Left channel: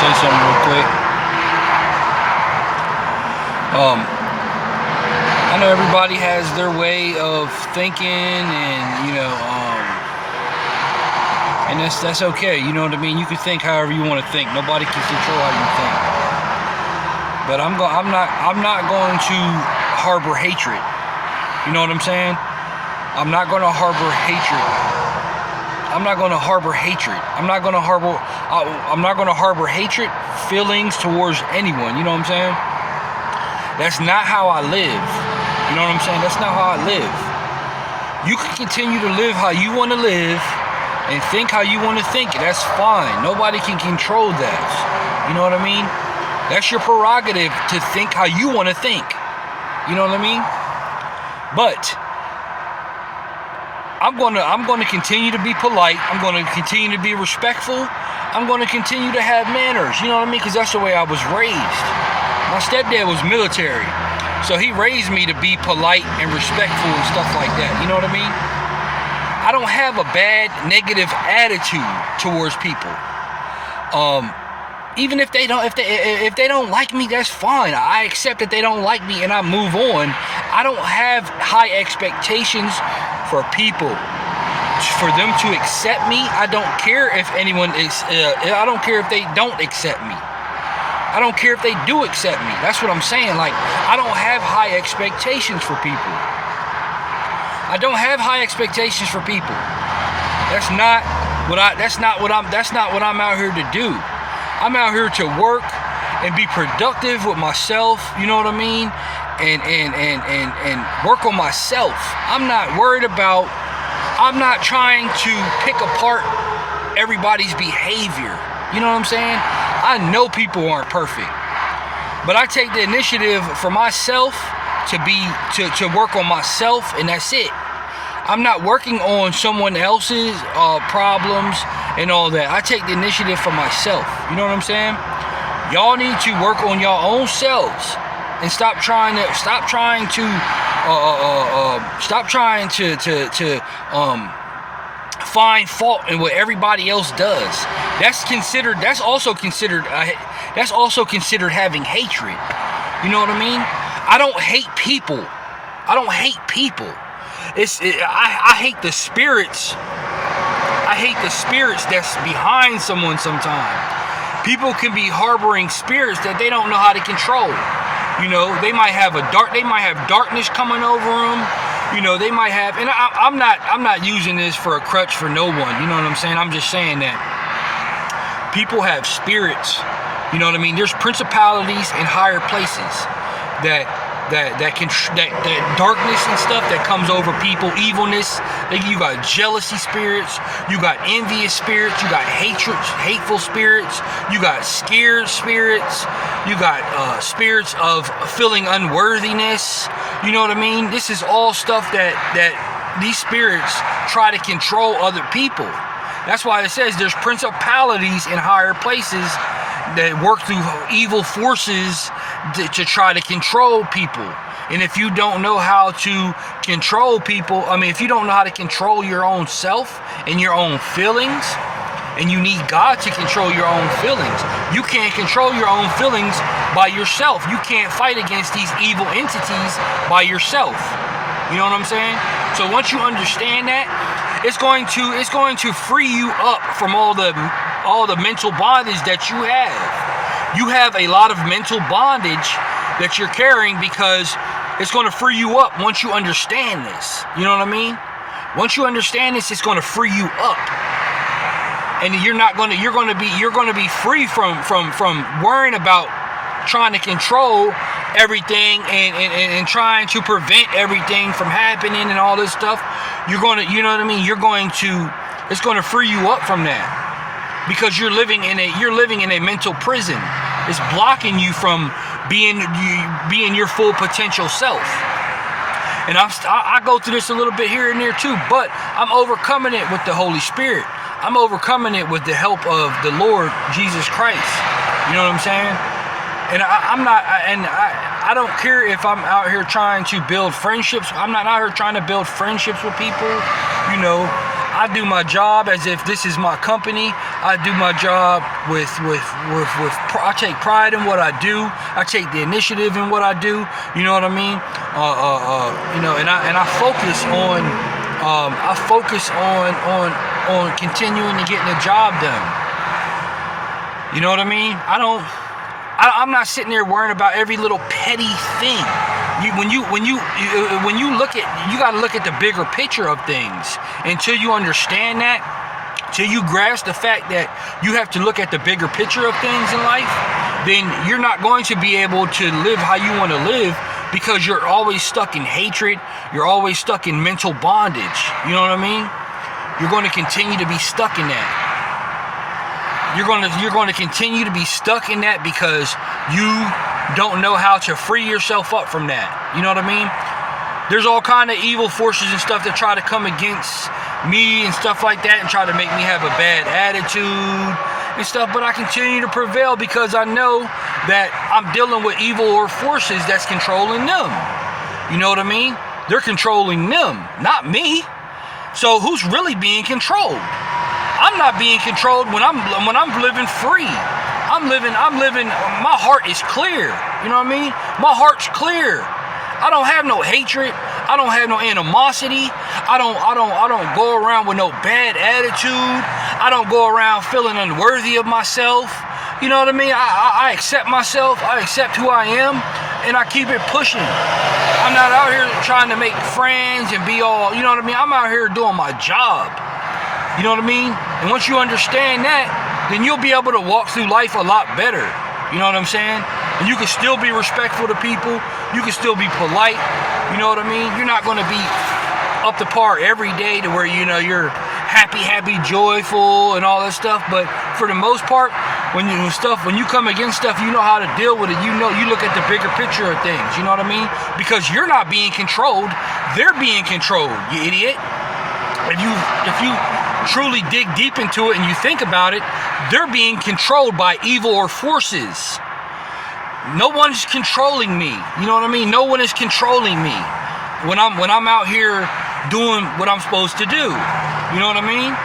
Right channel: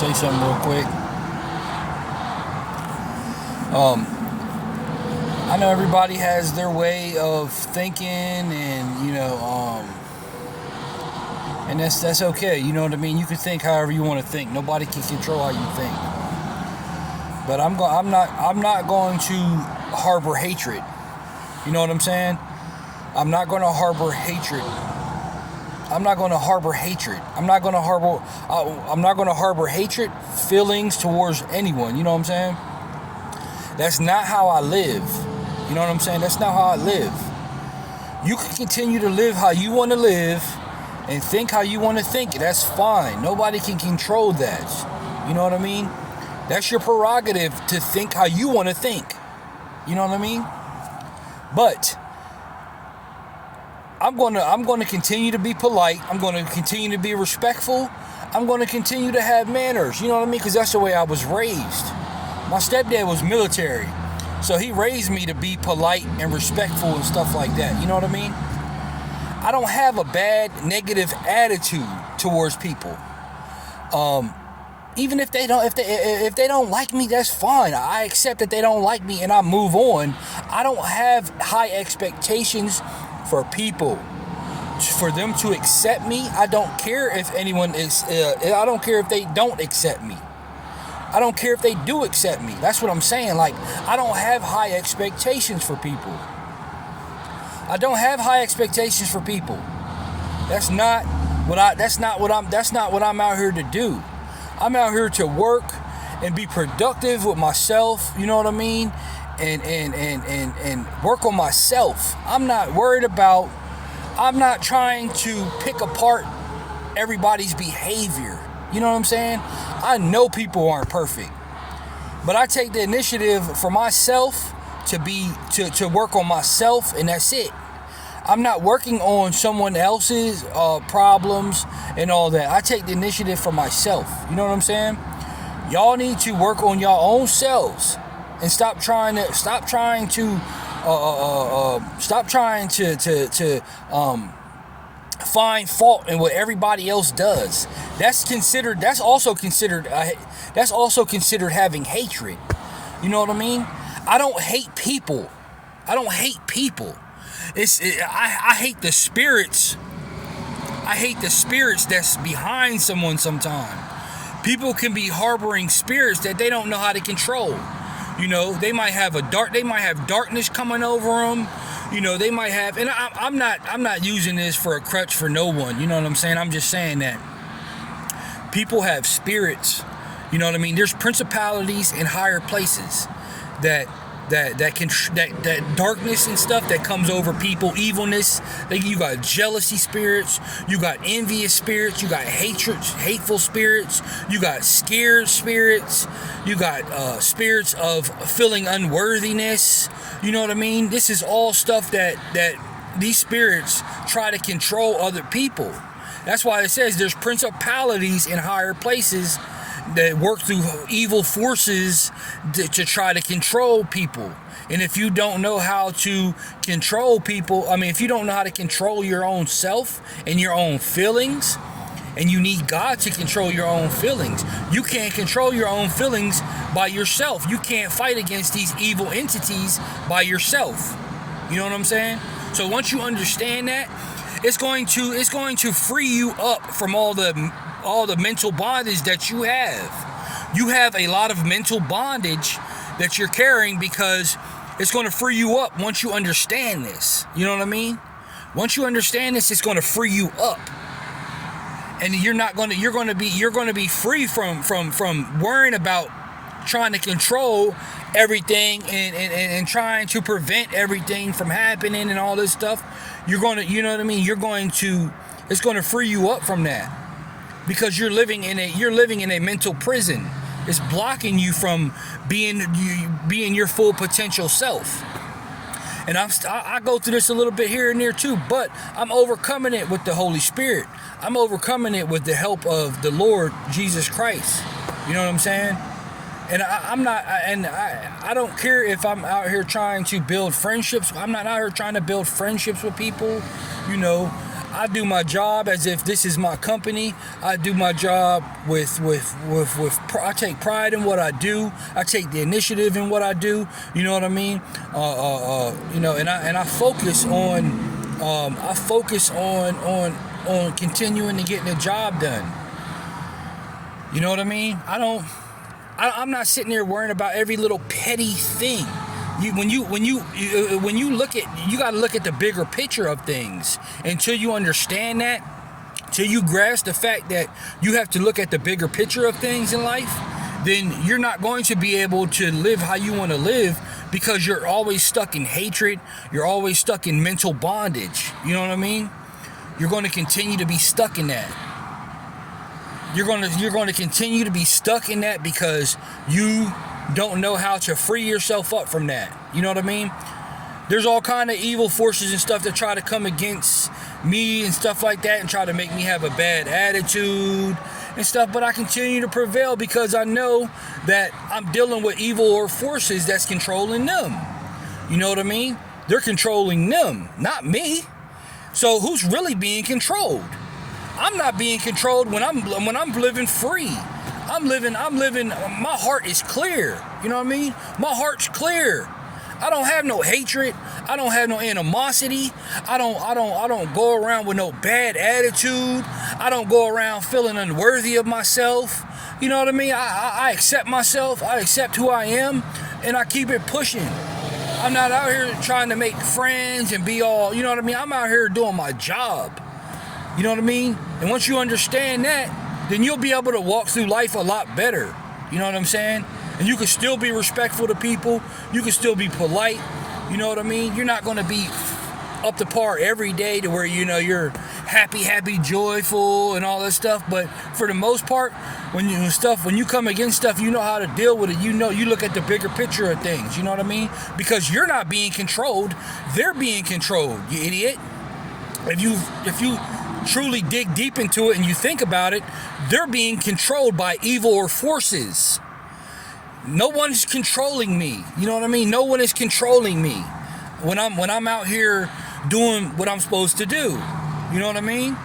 say something real quick. I know everybody has their way of thinking, and and that's okay. You know what I mean? You can think however you want to think. Nobody can control how you think. But I'm not going to harbor hatred. You know what I'm saying? I'm not going to harbor hatred. I'm not going to harbor hatred. I'm not going to harbor hatred, feelings towards anyone. You know what I'm saying? That's not how I live. You know what I'm saying? That's not how I live. You can continue to live how you want to live and think how you want to think. That's fine. Nobody can control that. You know what I mean? That's your prerogative to think how you want to think. You know what I mean? But I'm going to continue to be polite. I'm going to continue to be respectful. I'm going to continue to have manners. You know what I mean? Because that's the way I was raised. My stepdad was military, so he raised me to be polite and respectful and stuff like that. You know what I mean? I don't have a bad, negative attitude towards people. Even if they don't like me, that's fine. I accept that they don't like me and I move on. I don't have high expectations for people. For them to accept me, I don't care if anyone is. I don't care if they don't accept me. I don't care if they do accept me. That's what I'm saying. Like, I don't have high expectations for people. I don't have high expectations for people. That's not what I'm out here to do. I'm out here to work and be productive with myself, you know what I mean? And work on myself. I'm not trying to pick apart everybody's behavior. You know what I'm saying? I know people aren't perfect. But I take the initiative for myself to work on myself, and that's it. I'm not working on someone else's problems and all that. I take the initiative for myself. You know what I'm saying? Y'all need to work on your own selves and stop trying to find fault in what everybody else does. That's also considered having hatred. You know what I mean? I don't hate people. I hate the spirits. I hate the spirits that's behind someone sometimes. People can be harboring spirits that they don't know how to control. You know, they might have darkness coming over them. You know, they might have, and I'm not using this for a crutch for no one. You know what I'm saying? I'm just saying that people have spirits. You know what I mean? There's principalities in higher places that darkness and stuff that comes over people, evilness. You got jealousy spirits, you got envious spirits, you got hateful spirits, you got scared spirits, you got spirits of feeling unworthiness. You know what I mean? This is all stuff that these spirits try to control other people. That's why it says there's principalities in higher places that work through evil forces to try to control people. And if you don't know how to control people, if you don't know how to control your own self and your own feelings, and you need God to control your own feelings, you can't control your own feelings by yourself. You can't fight against these evil entities by yourself. You know what I'm saying? So once you understand that, it's going to free you up from all the mental bondage that you have. You have a lot of mental bondage that you're carrying because it's going to free you up once you understand this. You know what I mean? Once you understand this, it's going to free you up. And you're going to be free from worrying about trying to control everything and trying to prevent everything from happening and all this stuff. You know what I mean? It's going to free you up from that, because you're living in a mental prison. It's blocking you from being your full potential self. And I go through this a little bit here and there too, but I'm overcoming it with the Holy Spirit. I'm overcoming it with the help of the Lord Jesus Christ. You know what I'm saying? And I don't care if I'm out here trying to build friendships. I'm not out here trying to build friendships with people. You know, I do my job as if this is my company. I do my job with I take pride in what I do. I take the initiative in what I do. You know what I mean? And I focus on continuing to get the job done. You know what I mean? I'm not sitting there worrying about every little petty thing. When you look at, you got to look at the bigger picture of things. Until you understand that, till you grasp the fact that you have to look at the bigger picture of things in life, then you're not going to be able to live how you want to live, because you're always stuck in hatred. You're always stuck in mental bondage. You know what I mean? You're going to continue to be stuck in that. You're going to continue to be stuck in that because you don't know how to free yourself up from that. You know what I mean? There's all kind of evil forces and stuff that try to come against me and stuff like that and try to make me have a bad attitude and stuff, but I continue to prevail because I know that I'm dealing with evil or forces that's controlling them. You know what I mean? They're controlling them, not me. So who's really being controlled? I'm not being controlled when I'm living free. I'm living, my heart is clear. You know what I mean? My heart's clear. I don't have no hatred. I don't have no animosity. I don't go around with no bad attitude. I don't go around feeling unworthy of myself. You know what I mean? I accept myself. I accept who I am, and I keep it pushing. I'm not out here trying to make friends and be all, you know what I mean? I'm out here doing my job. You know what I mean? And once you understand that, then you'll be able to walk through life a lot better. You know what I'm saying? And you can still be respectful to people. You can still be polite. You know what I mean? You're not going to be up to par every day to where, you know, you're happy, joyful, and all that stuff. But for the most part, when you come against stuff, you know how to deal with it. You look at the bigger picture of things. You know what I mean? Because you're not being controlled. They're being controlled, you idiot. If you truly dig deep into it and you think about it, they're being controlled by evil or forces. No one's controlling me. You know what I mean? No one is controlling me when I'm out here doing what I'm supposed to do. You know what I mean?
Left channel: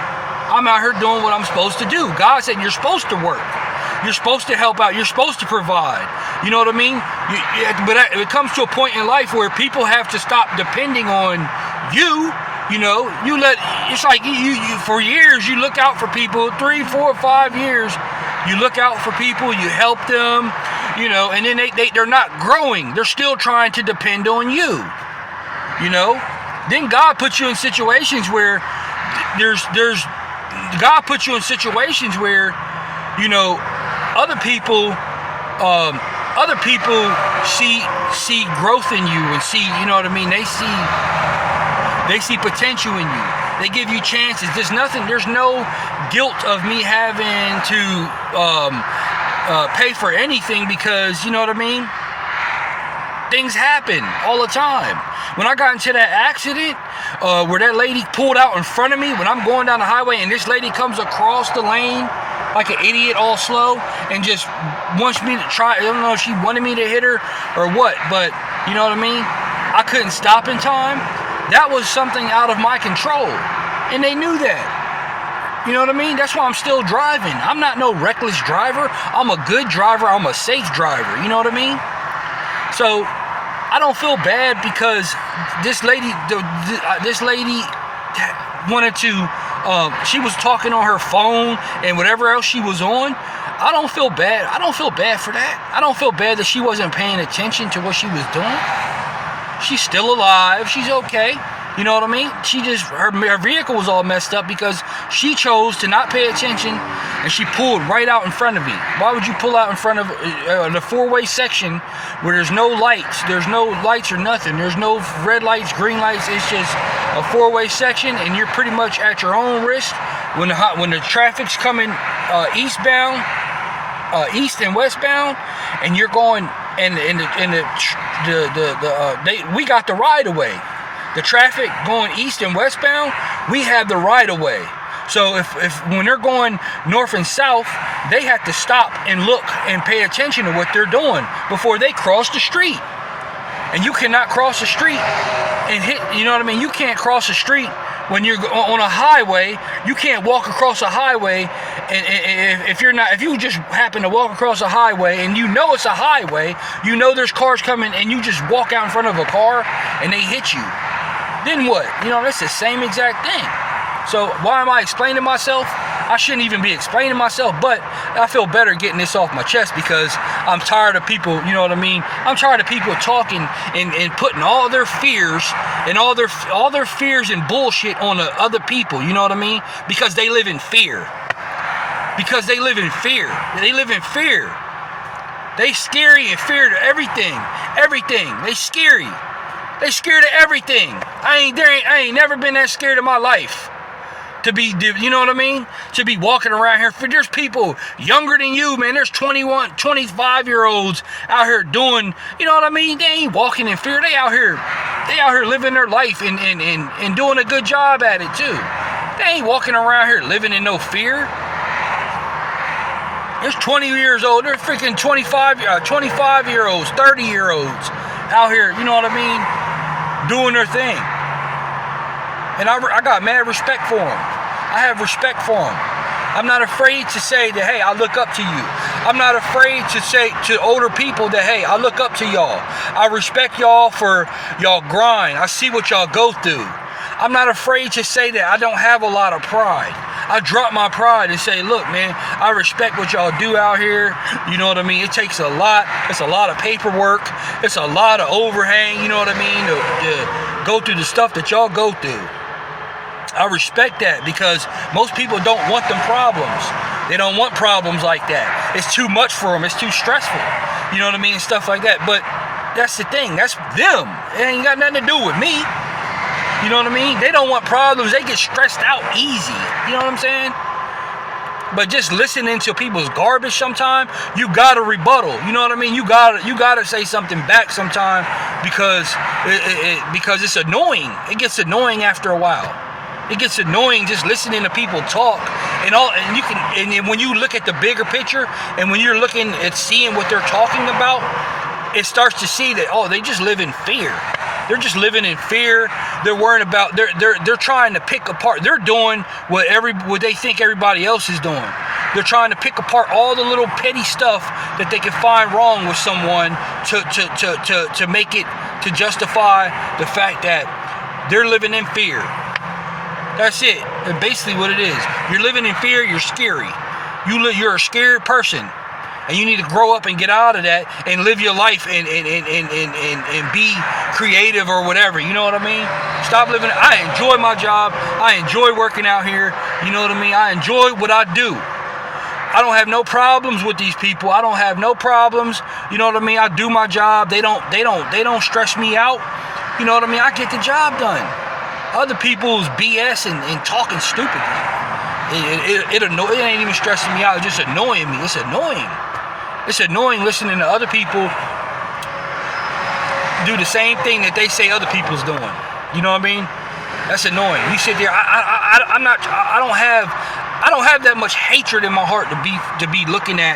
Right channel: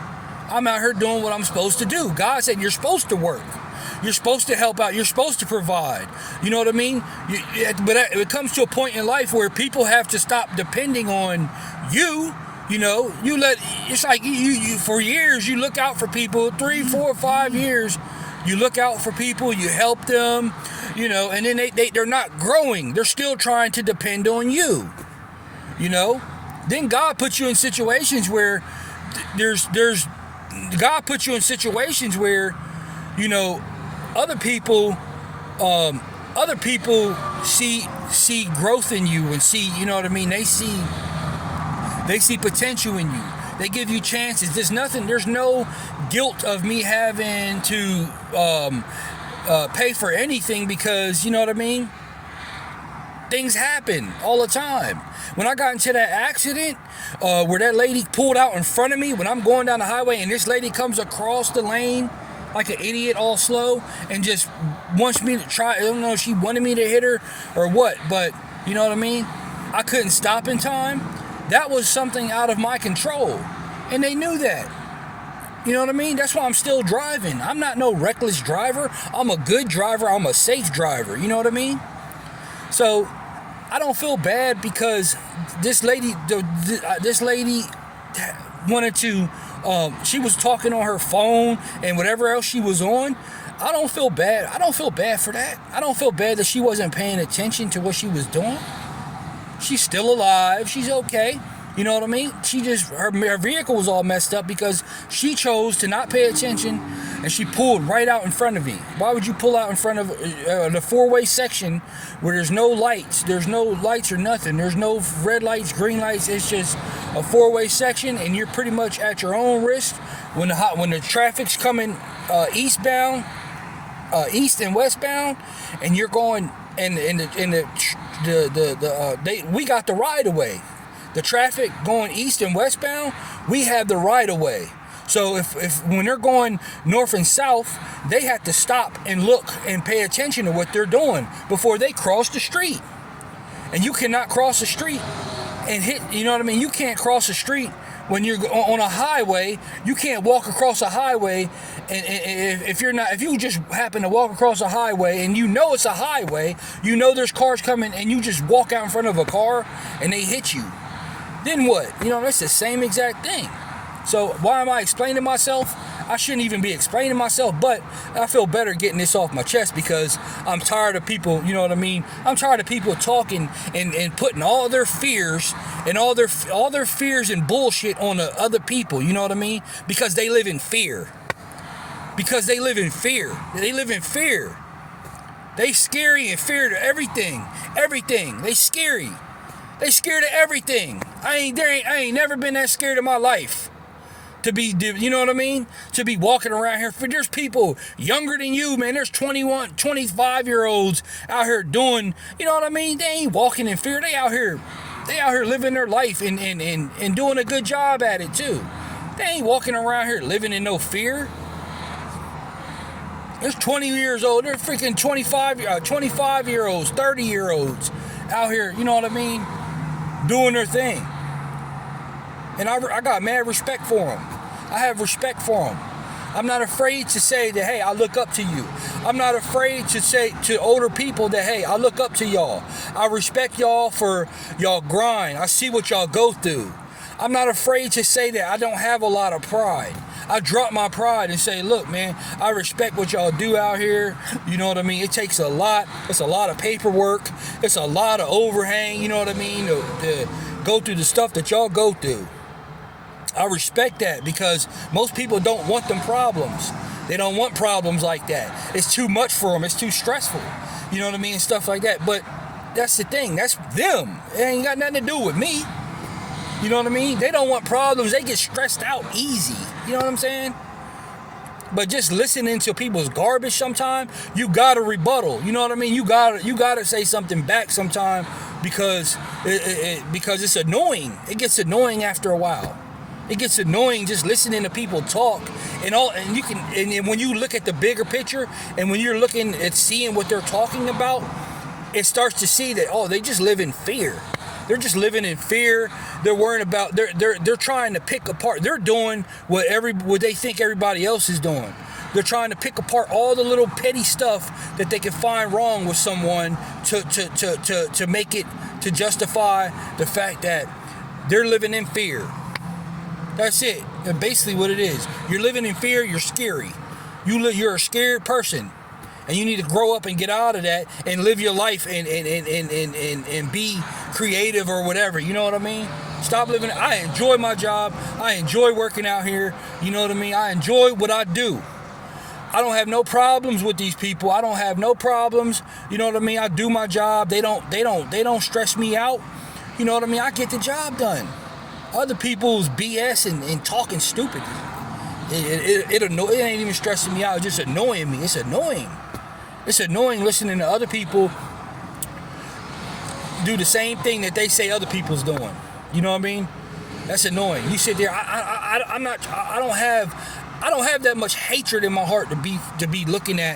I'm out here doing what I'm supposed to do. God said you're supposed to work. You're supposed to help out. You're supposed to provide. You know what I mean? But it comes to a point in life where people have to stop depending on you. You know, it's like you for years you look out for people, 3, 4, 5 years, you look out for people, you help them, you know, and then they're not growing. They're still trying to depend on you. You know? Then God puts you in situations where God puts you in situations where, you know, other people see growth in you and see, you know what I mean? They see potential in you. They give you chances. There's no guilt of me having to pay for anything because, you know what I mean? Things happen all the time. When I got into that accident where that lady pulled out in front of me when I'm going down the highway and this lady comes across the lane like an idiot all slow and just wants me to try, I don't know if she wanted me to hit her or what, but you know what I mean? I couldn't stop in time. That was something out of my control. And they knew that. You know what I mean? That's why I'm still driving. I'm not no reckless driver. I'm a good driver. I'm a safe driver. You know what I mean? So I don't feel bad because this lady wanted to, she was talking on her phone and whatever else she was on. I don't feel bad. I don't feel bad for that. I don't feel bad that she wasn't paying attention to what she was doing. She's still alive. She's okay. You know what I mean? Her vehicle was all messed up because she chose to not pay attention and she pulled right out in front of me. Why would you pull out in front of the four-way section where there's no lights? There's no lights or nothing. There's no red lights, green lights. It's just a four-way section and you're pretty much at your own risk. When the traffic's coming eastbound, east and westbound, and you're going we got the right of way. The traffic going east and westbound, we have the right of way. So if when they're going north and south, they have to stop and look and pay attention to what they're doing before they cross the street. And you cannot cross the street and hit, you know what I mean? You can't cross the street when you're on a highway. You can't walk across a highway and if you just happen to walk across a highway and you know it's a highway, you know there's cars coming, and you just walk out in front of a car and they hit you. Then what? You know, that's the same exact thing. So why am I explaining myself? I shouldn't even be explaining myself, but I feel better getting this off my chest because I'm tired of people, you know what I mean? I'm tired of people talking and putting all their fears and all their fears and bullshit on the other people, you know what I mean? Because they live in fear. Because they live in fear. They live in fear. They scary and fear to everything. Everything. They scary. They scared of everything. I ain't never been that scared in my life. To be, you know what I mean? To be walking around here. There's people younger than you, man. There's 21, 25-year-olds out here doing, you know what I mean? They ain't walking in fear. They out here living their life and doing a good job at it too. They ain't walking around here living in no fear. There's 20 years old. There's freaking 25-year-olds, 30-year-olds out here, you know what I mean? Doing their thing. And I got mad respect for them. I have respect for them. I'm not afraid to say that, hey, I look up to you. I'm not afraid to say to older people that, hey, I look up to y'all. I respect y'all for y'all grind. I see what y'all go through. I'm not afraid to say that I don't have a lot of pride. I drop my pride and say, look, man, I respect what y'all do out here. You know what I mean? It takes a lot. It's a lot of paperwork. It's a lot of overhang, you know what I mean, to go through the stuff that y'all go through. I respect that because most people don't want them problems. They don't want problems like that. It's too much for them. It's too stressful. You know what I mean? Stuff like that. But that's the thing. That's them. It ain't got nothing to do with me. You know what I mean? They don't want problems. They get stressed out easy. You know what I'm saying? But just listening to people's garbage sometime, you gotta rebuttal. You know what I mean? You gotta say something back sometime because it's annoying. It gets annoying after a while. It gets annoying just listening to people talk and when you look at the bigger picture and when you're looking at seeing what they're talking about, it starts to see that, oh, they just live in fear. They're just living in fear. They're worrying about, they're trying to pick apart. They're doing what they think everybody else is doing. They're trying to pick apart all the little petty stuff that they can find wrong with someone to make it, to justify the fact that they're living in fear. That's it. That's basically what it is. You're living in fear. You're scary. You're a scared person, and you need to grow up and get out of that and live your life and be creative or whatever. You know what I mean? Stop living. I enjoy my job. I enjoy working out here. You know what I mean? I enjoy what I do. I don't have no problems with these people. I don't have no problems. You know what I mean? I do my job. They don't stress me out. You know what I mean? I get the job done. Other people's BS and talking stupidly. It ain't even stressing me out. It's just annoying me. It's annoying. It's annoying listening to other people do the same thing that they say other people's doing. You know what I mean? That's annoying. You sit there. I don't have that much hatred in my heart to be looking at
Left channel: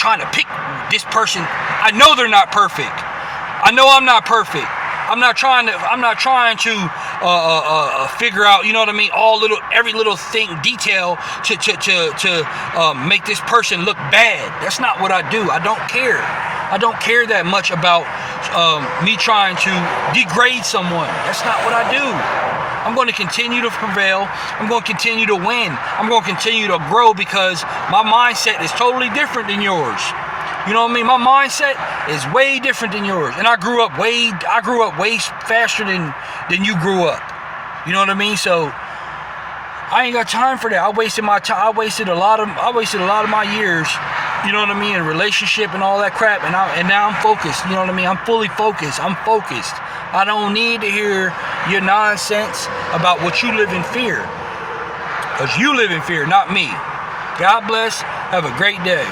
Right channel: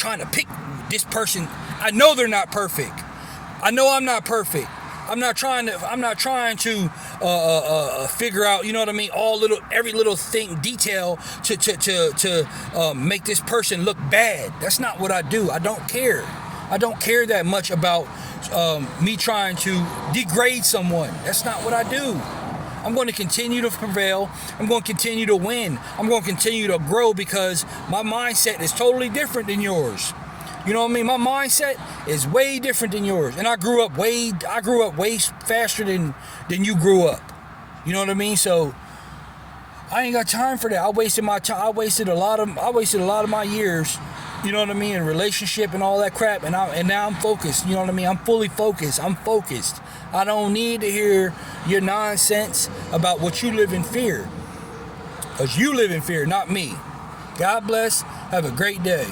trying to pick this person. I know they're not perfect. I know I'm not perfect. I'm not trying to figure out, you know what I mean, every little thing, detail to make this person look bad. That's not what I do. I don't care. I don't care that much about me trying to degrade someone. That's not what I do. I'm going to continue to prevail. I'm going to continue to win. I'm going to continue to grow because my mindset is totally different than yours. You know what I mean? My mindset is way different than yours, and I grew up way faster than you grew up. You know what I mean? So I ain't got time for that. I wasted my time. I wasted a lot of my years. You know what I mean? In relationship and all that crap, and now I'm focused. You know what I mean? I'm fully focused. I'm focused. I don't need to hear your nonsense about what you live in fear, because you live in fear, not me. God bless. Have a great day.